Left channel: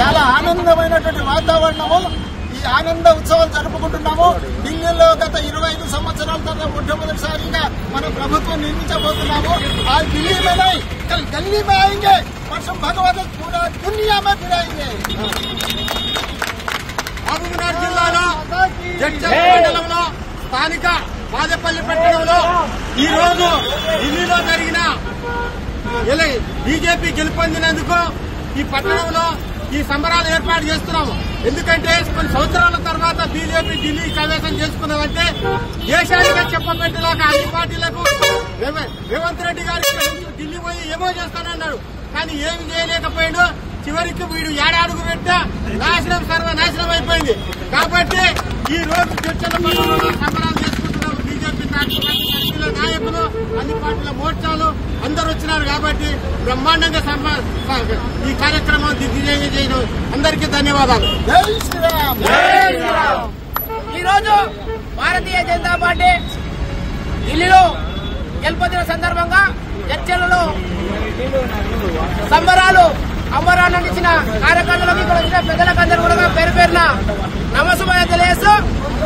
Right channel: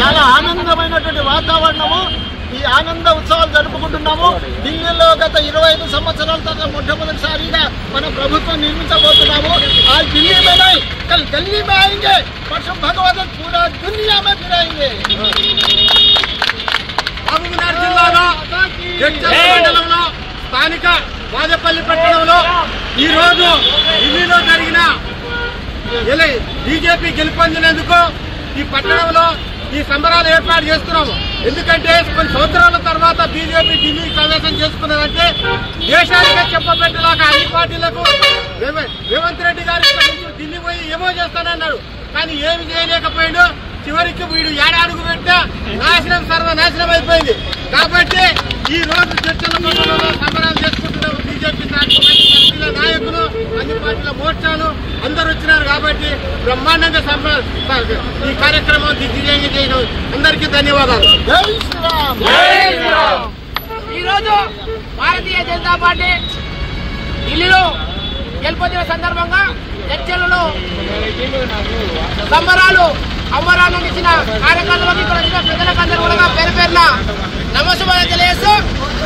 చాలా ఆనందమైనటువంటి వాతావరణము. ఈ ఆనంద ఉత్సవాలు జరుపుకుంటున్నాము. ఢిల్లీలో గత 25 సంవత్సరాల తర్వాత మొట్టమొదటిసారిగా మన ప్రభుత్వం నిర్మించబోతున్నాము. ఆ ఢిల్లీ में नहीं कल दिल्ली में आएंगे, परसों भगवत पूरा दुनिया में फिराएंगे. మహబూబ్నగర్ జిల్లాలో జడ్చర్ల మండలంలో స్థానిక వాజపల్లి పట్టణంలో ఈ రోజు ఢిల్లీలో జరిగిన బీజేపీ గెలుపొందినందుకు ఈ పట్టణంలో ఈ సంబరాలు ఏర్పాటు చేస్తున్నాము. ఎందుకంటే కొన్ని సంవత్సరాల తర్వాత బీజేపీ ఢిల్లీ సమావేశం చేసుకున్నదంటే దేశానికి చెప్పబెట్టేలాగా అన్ని పార్టీలకు రేవంత్ రెడ్డి గారి ఢిల్లీ పోయి ఏమో చేస్తానన్నాడు, కానీ ఏమి చేయలేకపోయాడు. చివరికి వీడు ఏడాడుగు పెట్టా నాశనం సర్వనాశనం అయిపోయింది. కాబట్టి ఈ రోజు చర్చల మండలంలో సంబరాలు చేసుకుంటున్నాము. బీజేపీ పార్టీల నాయకులు, అన్ని పార్టీల మోర్చాలు అందరూ వచ్చినారు. కాబట్టి బ్రహ్మాండంగా ఈ కార్యక్రమం దిగ్విజయంగా చేయడం అందరికీ ధన్యవాదాలు. జై శ్రీరామ్. ఈ రోజు భారతీయ జనతా పార్టీ ఢిల్లీలో గెలుపొందిన సందర్భంగా చర్చలలో సంబరాలు అమరాన్నిచ్చిన కార్యకర్తలకు ఇక్కడ వచ్చిన పెద్దలకందరూ కూడా పేరు పేరున నమస్కారం తెలియజేస్తూ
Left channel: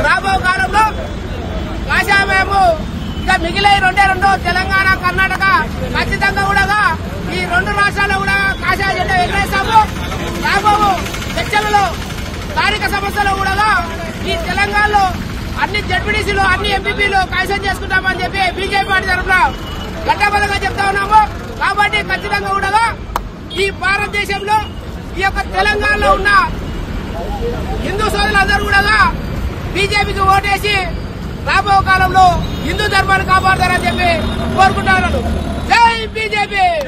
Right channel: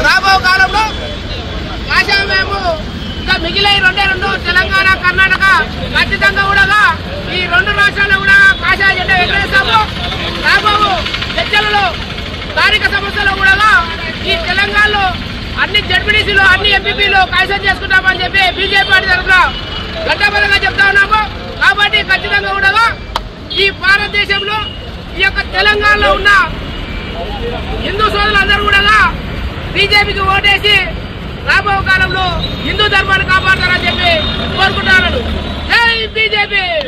రాబో కాలంలో కాషాయమేమో ఇంకా మిగిలే రెండు తెలంగాణ కర్ణాటక ఖచ్చితంగా కూడా ఈ 2 రాష్ట్రాల్లో కూడా కాషాయ జెండా ఎగరేస్తాము. రాబో చర్చలలో స్థానిక సమస్యలు కూడా ఈ తెలంగాణలో అన్ని జడ్పీటీసీలు అన్ని ఎంపీపీలు కైసం చేసుకుంటామని చెప్పి బీజేపీ పార్టీ తరఫున గట్టబలంగా చెప్తా ఉన్నాము. కాబట్టి ఖచ్చితంగా కూడా ఈ భారతదేశంలో ఈ యొక్క తెలంగాణలో ఉన్న హిందూ సోదరులందరూ కూడా బీజేపీకి ఓటేసి రాబో కాలంలో హిందూ ధర్మాన్ని కాపాడతారని చెప్పి కోరుకుంటున్నాను. జై బీజేపీ.